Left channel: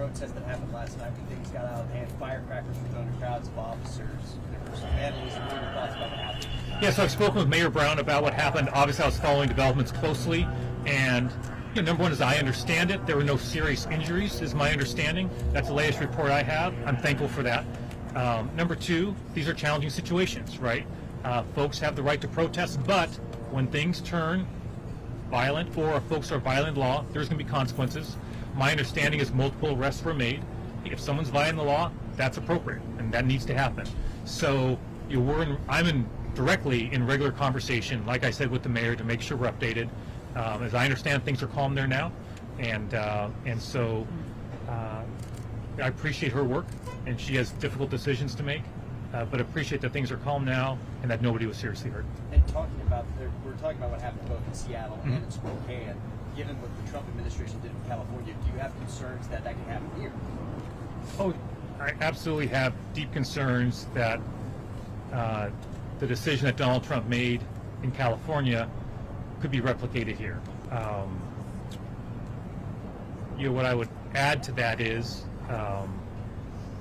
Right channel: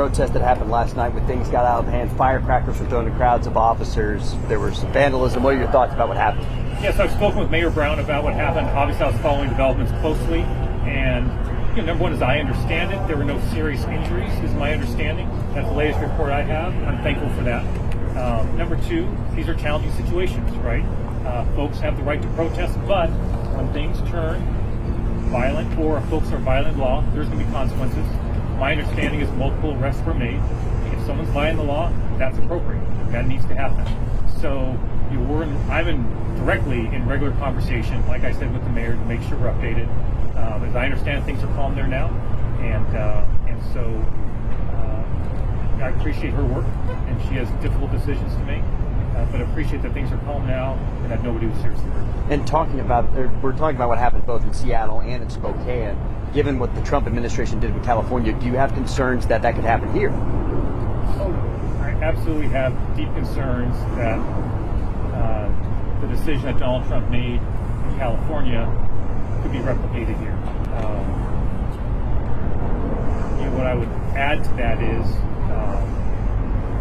protest that happened last night when things got out of hand. Firecrackers were thrown to crowds of officers. There was some vandalism. What are your thoughts about what happened? Yes, I've spoken with Mayor Brown about what happened. Obviously, I was following developments closely. And number one, as I understand it, there were no serious injuries, is my understanding. That's the latest report I have. I'm thankful for that. Number two, these are challenging situations, right? Folks have the right to protest, but when things turn violent or folks are violating the law, there's going to be consequences. My understanding is multiple arrests were made. If someone's violating the law, that's appropriate, and that needs to happen. So I'm directly in regular conversation, like I said, with the mayor to make sure we're updated. As I understand, things are calm there now, and so I appreciate her work, and she has difficult decisions to make, but appreciate that things are calm now and that nobody was seriously hurt. And we're talking about what happened both in Seattle and in Spokane. Given what the Trump administration did with California, do you have concerns that could happen here? Oh, I absolutely have deep concerns that the decision that Donald Trump made in California could be replicated here. What I would add to that is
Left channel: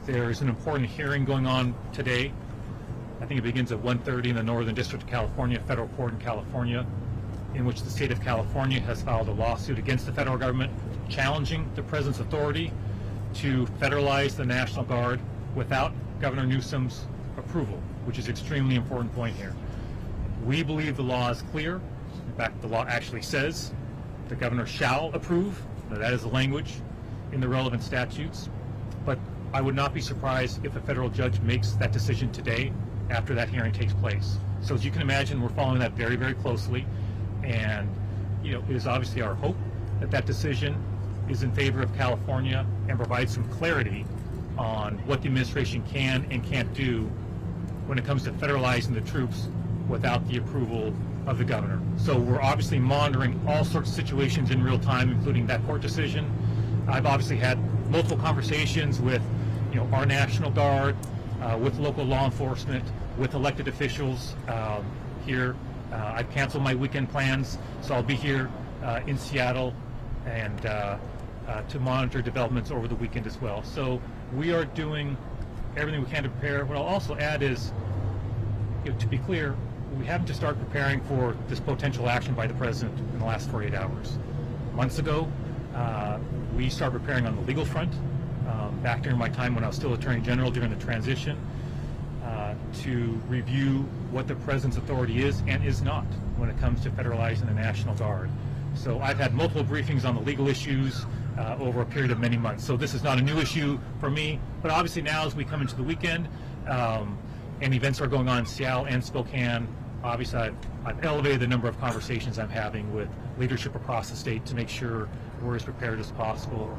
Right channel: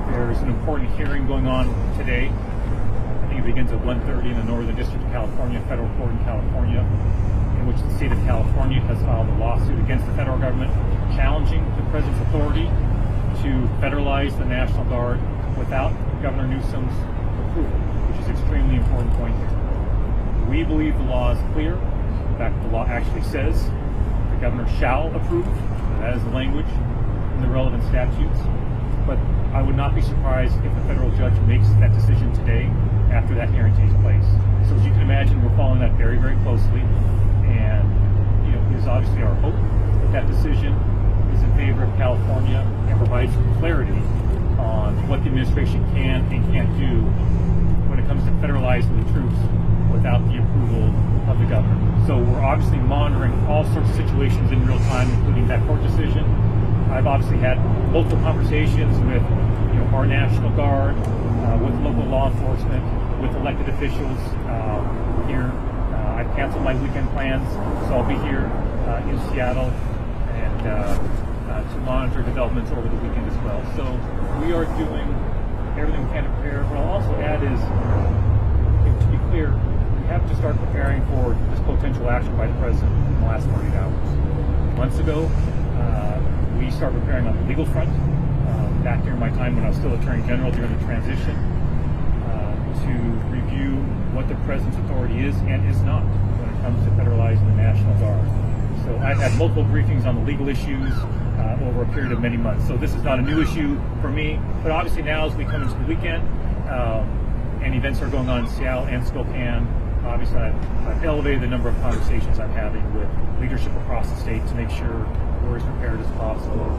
there's an important hearing going on today. I think it begins at 1:30 in the Northern District of California, federal court in California, in which the state of California has filed a lawsuit against the federal government challenging the president's authority to federalize the National Guard without Governor Newsom's approval, which is an extremely important point here. We believe the law is clear. In fact, the law actually says the governor shall approve. That is the language in the relevant statutes. But I would not be surprised if a federal judge makes that decision today after that hearing takes place. So as you can imagine, we're following that very, very closely. And it is obviously our hope that that decision is in favor of California and provides some clarity on what the administration can and can't do when it comes to federalizing the troops without the approval of the governor. So we're obviously monitoring all sorts of situations in real time, including that court decision. I've obviously had multiple conversations with our National Guard, with local law enforcement, with elected officials here. I've canceled my weekend plans, so I'll be here in Seattle and to monitor developments over the weekend as well. So we are doing everything we can to prepare. What I'll also add is, to be clear, we have to start preparing for this potential action by the president in the last 48 hours. Months ago, we started preparing on the legal front, back during my time when I was still Attorney General during the transition, to review what the president's authority is and is not when it comes to federalizing the National Guard. So I've had multiple briefings on the legal issues over a period of many months. So this is not a new issue for me, but obviously now as we come into the weekend, and events are going on in Seattle and Spokane, obviously I've elevated the number of conversations I'm having with leadership across the state to make sure we're as prepared as possible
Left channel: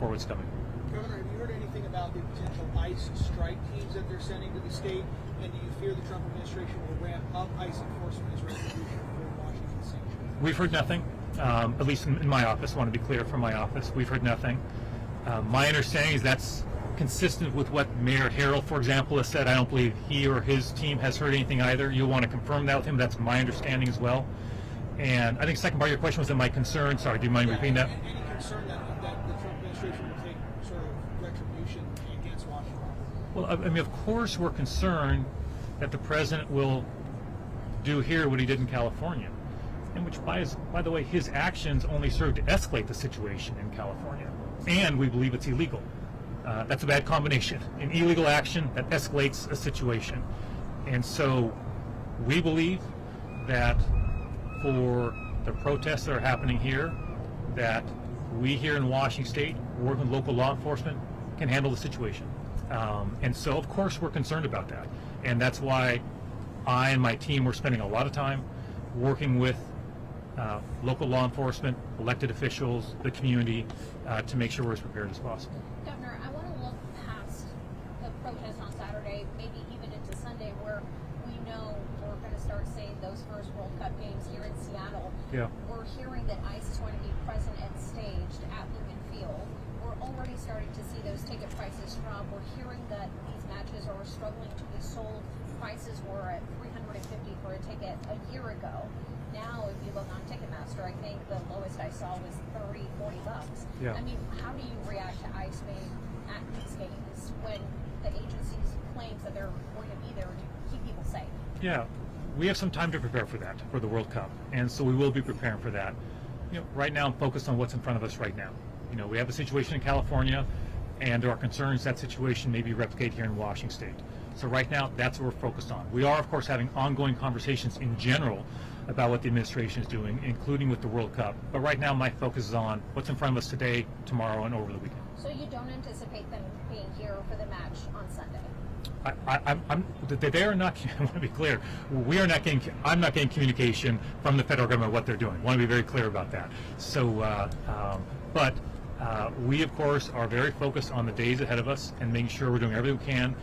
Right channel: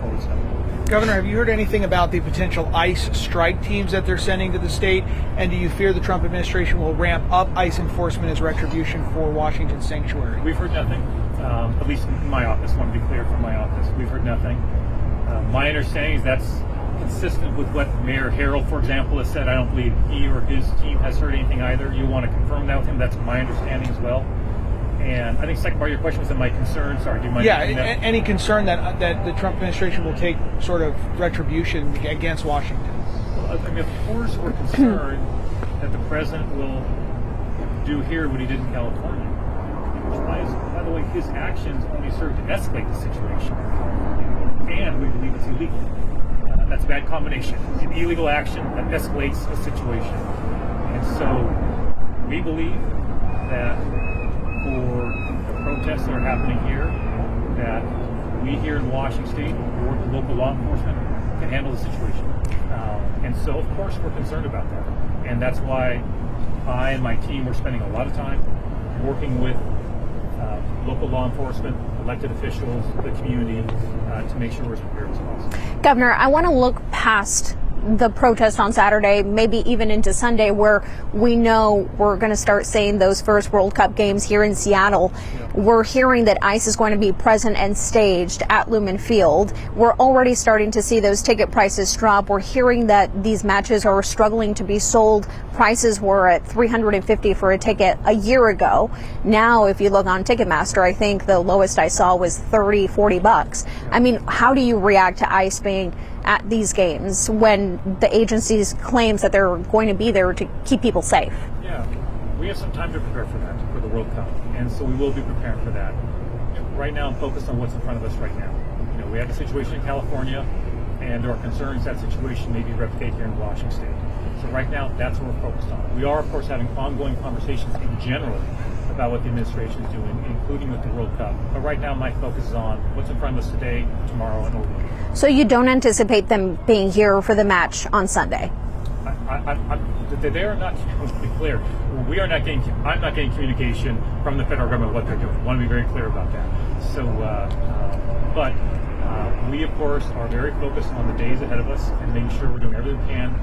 for what's coming. Governor, have you heard anything about the potential ICE strike teams that they're sending to the state? And do you fear the Trump administration will ramp up ICE enforcement as retribution for Washington sanctuary? We've heard nothing, at least in my office. I want to be clear from my office. We've heard nothing. My understanding is that's consistent with what Mayor Harrell, for example, has said. I don't believe he or his team has heard anything either. You want to confirm that with him? That's my understanding as well. And I think the second part of your question was in my concern. Sorry, do you mind? Yeah, any concern that the Trump administration will take sort of retribution against Washington? Well, I mean, of course we're concerned that the president will do here what he did in California, and which, by the way, his actions only serve to escalate the situation in California, and we believe it's illegal. That's a bad combination. An illegal action that escalates a situation. And so we believe that for the protests that are happening here, that we here in Washington State, work with local law enforcement, can handle the situation. And so, of course, we're concerned about that. And that's why I and my team were spending a lot of time working with local law enforcement, elected officials, the community, to make sure we're as prepared as possible. Governor, I want to look past the protest on Saturday, maybe even into Sunday, where we know we're going to start seeing those first World Cup games here in Seattle. Yeah. We're hearing that ICE is going to be present and staged at Lumen Field. We're already starting to see those ticket prices drop. We're hearing that these matches are struggling to be sold. Prices were at $350 for a ticket a year ago. Now, if you look on Ticketmaster, I think the lowest I saw was $30-40. Yeah. I mean, how do you react to ICE being at these games when the agencies claims that they're going to be there to keep people safe? Yeah, we have some time to prepare for that, for the World Cup, and so we will be preparing for that. Right now, I'm focused on what's in front of us right now. We have a situation in California, and there are concerns that situation may be replicated here in Washington State. So right now, that's what we're focused on. We are, of course, having ongoing conversations in general about what the administration is doing, including with the World Cup. But right now, my focus is on what's in front of us today, tomorrow, and over the weekend. So you don't anticipate them being here for the match on Sunday? They are not, to be clear, I'm not getting communication from the federal government what they're doing. I want to be very clear about that. So, but we, of course, are very focused on the days ahead of us and making sure we're doing everything we can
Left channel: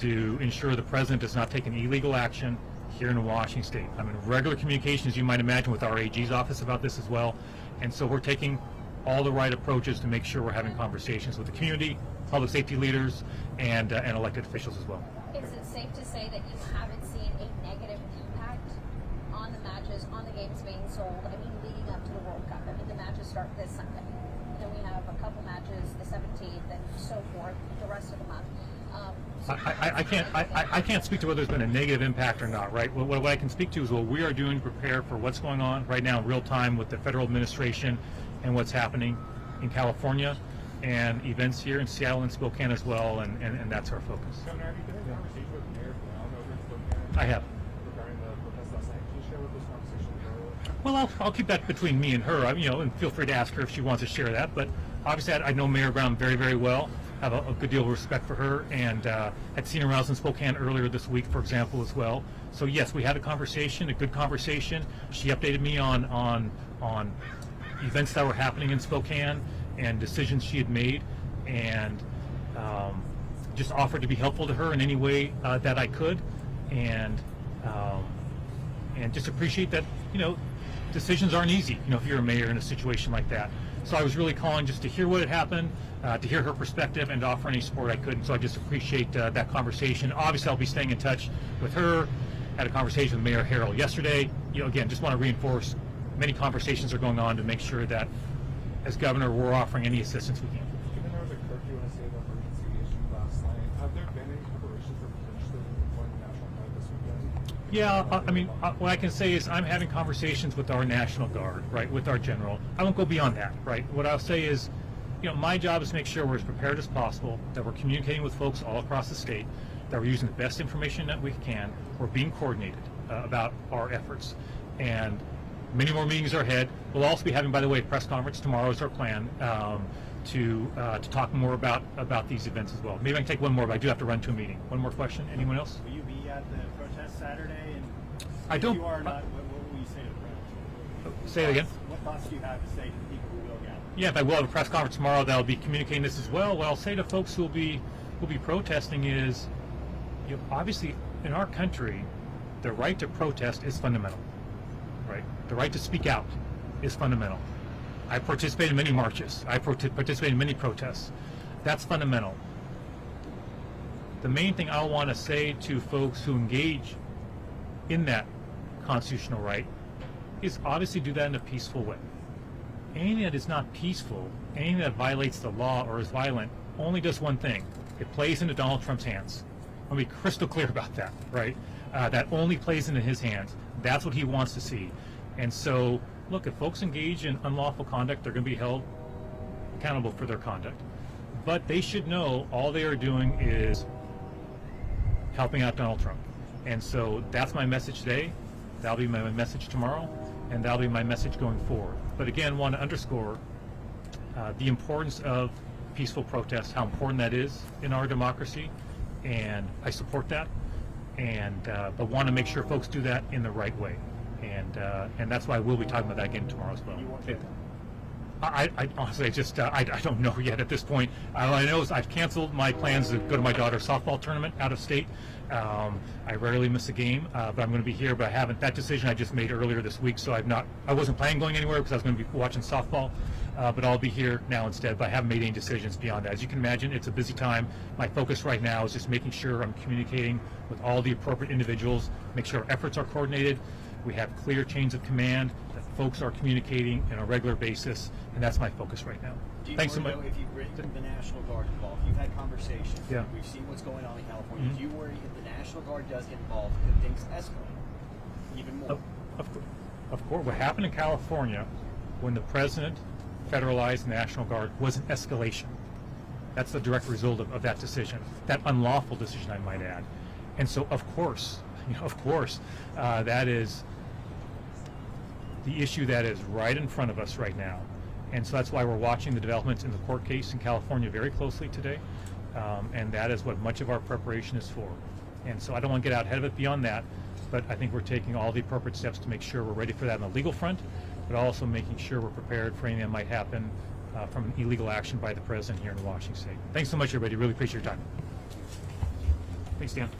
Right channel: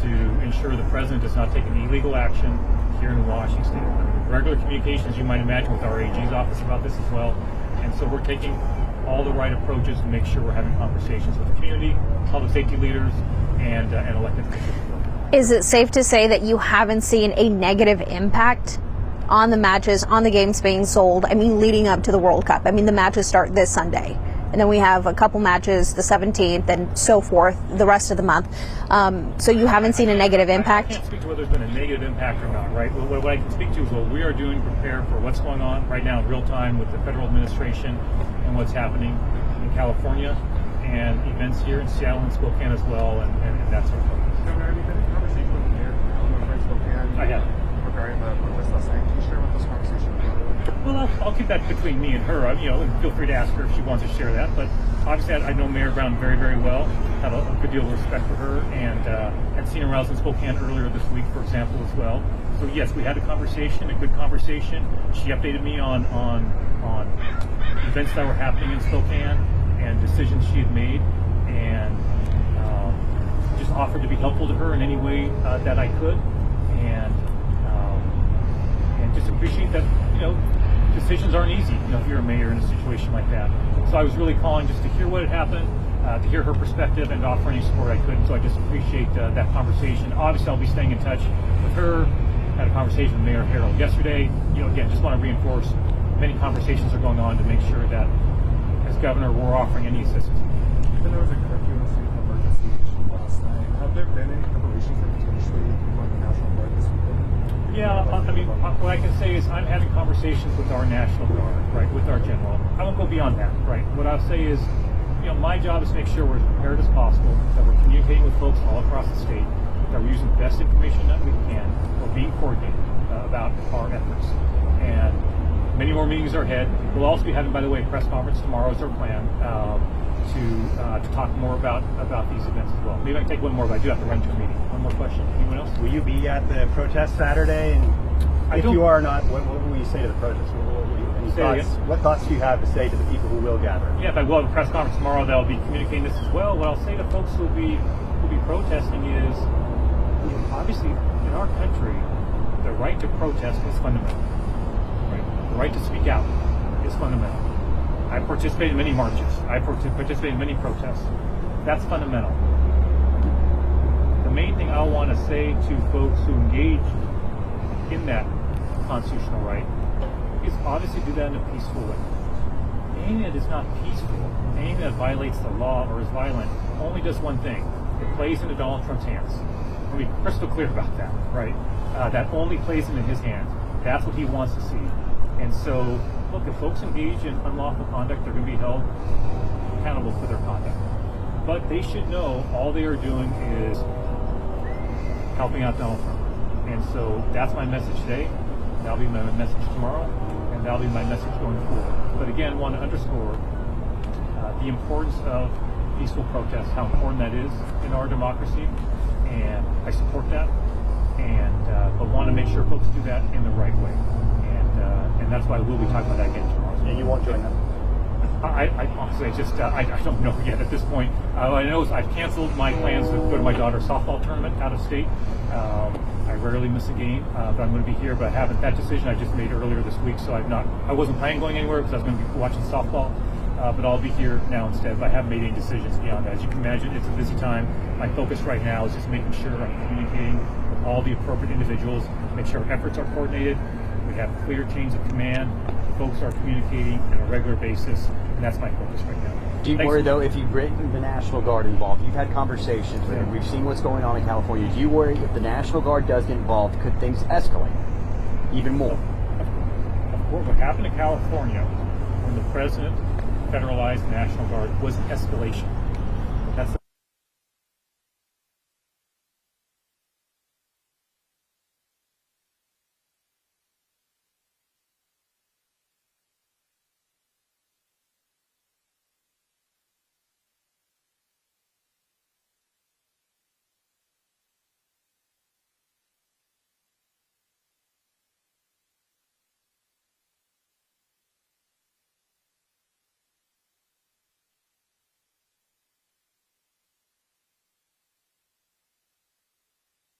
to ensure the president does not take any illegal action here in Washington State. I mean, regular communication, as you might imagine, with our AG's office about this as well. And so we're taking all the right approaches to make sure we're having conversations with the community, public safety leaders, and elected officials as well. Is it safe to say that you haven't seen a negative impact on the matches, on the games being sold? I mean, leading up to the World Cup. I mean, the matches start this Sunday, and then we have a couple matches the 17th and so forth the rest of the month. So you haven't seen a negative impact? I can't speak to whether there's been a negative impact or not, right? What I can speak to is what we are doing to prepare for what's going on right now in real time with the federal administration and what's happening in California and events here in Seattle and Spokane as well, and that's our focus. Governor, have you been in conversation with the mayor of Spokane? I have. Regarding the protest last night. Can you share with us conversation? Well, I'll keep that between me and her, and feel free to ask her if she wants to share that. But obviously, I know Mayor Brown very, very well, have a good deal of respect for her, and had seen her when I was in Spokane earlier this week, for example, as well. So yes, we had a conversation, a good conversation. She updated me on events that were happening in Spokane and decisions she had made, and just offered to be helpful to her in any way that I could, and just appreciate that, decisions aren't easy, if you're a mayor in a situation like that. So I was really calling just to hear what had happened, to hear her perspective, and to offer any support I could. So I just appreciate that conversation. Obviously, I'll be staying in touch with her. Had a conversation with Mayor Harrell yesterday. Again, just want to reinforce many conversations are going on to make sure that, as governor, we're offering any assistance we can. Even though there was a curfew and state of emergency issued last night, have there been any preparations for potentially deploying the National Guard this weekend? Yeah, what I can say is I'm having conversations with our National Guard, right, with our general. I won't go beyond that, right? What I'll say is, my job is to make sure we're as prepared as possible, that we're communicating with folks all across the state, that we're using the best information that we can, we're being coordinated about our efforts. And many more meetings are ahead. We'll also be having, by the way, a press conference tomorrow is our plan to talk more about these events as well. Maybe I can take one more, but I do have to run to a meeting. One more question. Anyone else? Will you be at the protest Saturday? And if you are not, what will you say to the protest? What thoughts do you have to say to the people who will gather? Yeah, if I will have a press conference tomorrow, that'll be communicating this as well. What I'll say to folks who'll be protesting is, obviously in our country, the right to protest is fundamental. Right? The right to speak out is fundamental. I participate in many marches. I participate in many protests. That's fundamental. The main thing I want to say to folks who engage in that constitutional right is obviously do that in a peaceful way. Anything that is not peaceful, anything that violates the law or is violent, only does one thing. It plays into Donald Trump's hands. I'll be crystal clear about that, right? That only plays into his hands. That's what he wants to see. And so, look, if folks engage in unlawful conduct, they're going to be held accountable for their conduct. But they should know all they are doing is helping out Donald Trump. And so that's my message today. That'll be my message tomorrow. And that'll be my message going forward. But again, I want to underscore the importance of peaceful protest, how important that is in our democracy. And I support that. And but want to make sure folks do that in the right way. And that's why we'll be talking about that again tomorrow. And you won't join them? I honestly just I don't know yet at this point. All I know is I've canceled my plans to go to my daughter's softball tournament out of state. I rarely miss a game, but I'm going to be here. But I haven't. That decision I just made earlier this week, so I wasn't planning going anywhere because I was going to be watching softball. But I'll be here now instead. But I haven't made any decisions beyond that. As you can imagine, it's a busy time. My focus right now is just making sure I'm communicating with all the appropriate individuals, make sure our efforts are coordinated, we have clear chains of command, folks are communicating on a regular basis, and that's my focus right now. Do you Thanks worry, so though, much. if you bring the National Guard involved, you've had conversations, Yeah. we've seen what's going on in California, do you worry if the National Guard does get involved, could things escalate even more? Of course, what happened in California when the president federalized the National Guard was an escalation. That's the direct result of that decision, that unlawful decision, I might add. And so, of course, that is the issue that is right in front of us right now. And so that's why we're watching the developments in the court case in California very closely today. And that is what much of our preparation is for. And so I don't want to get out ahead of it beyond that, but I think we're taking all the appropriate steps to make sure we're ready for that on the legal front, but also making sure we're prepared for anything that might happen from an illegal action by the president here in Washington State. Thanks so much, everybody. Really appreciate your time. Thanks, Dan.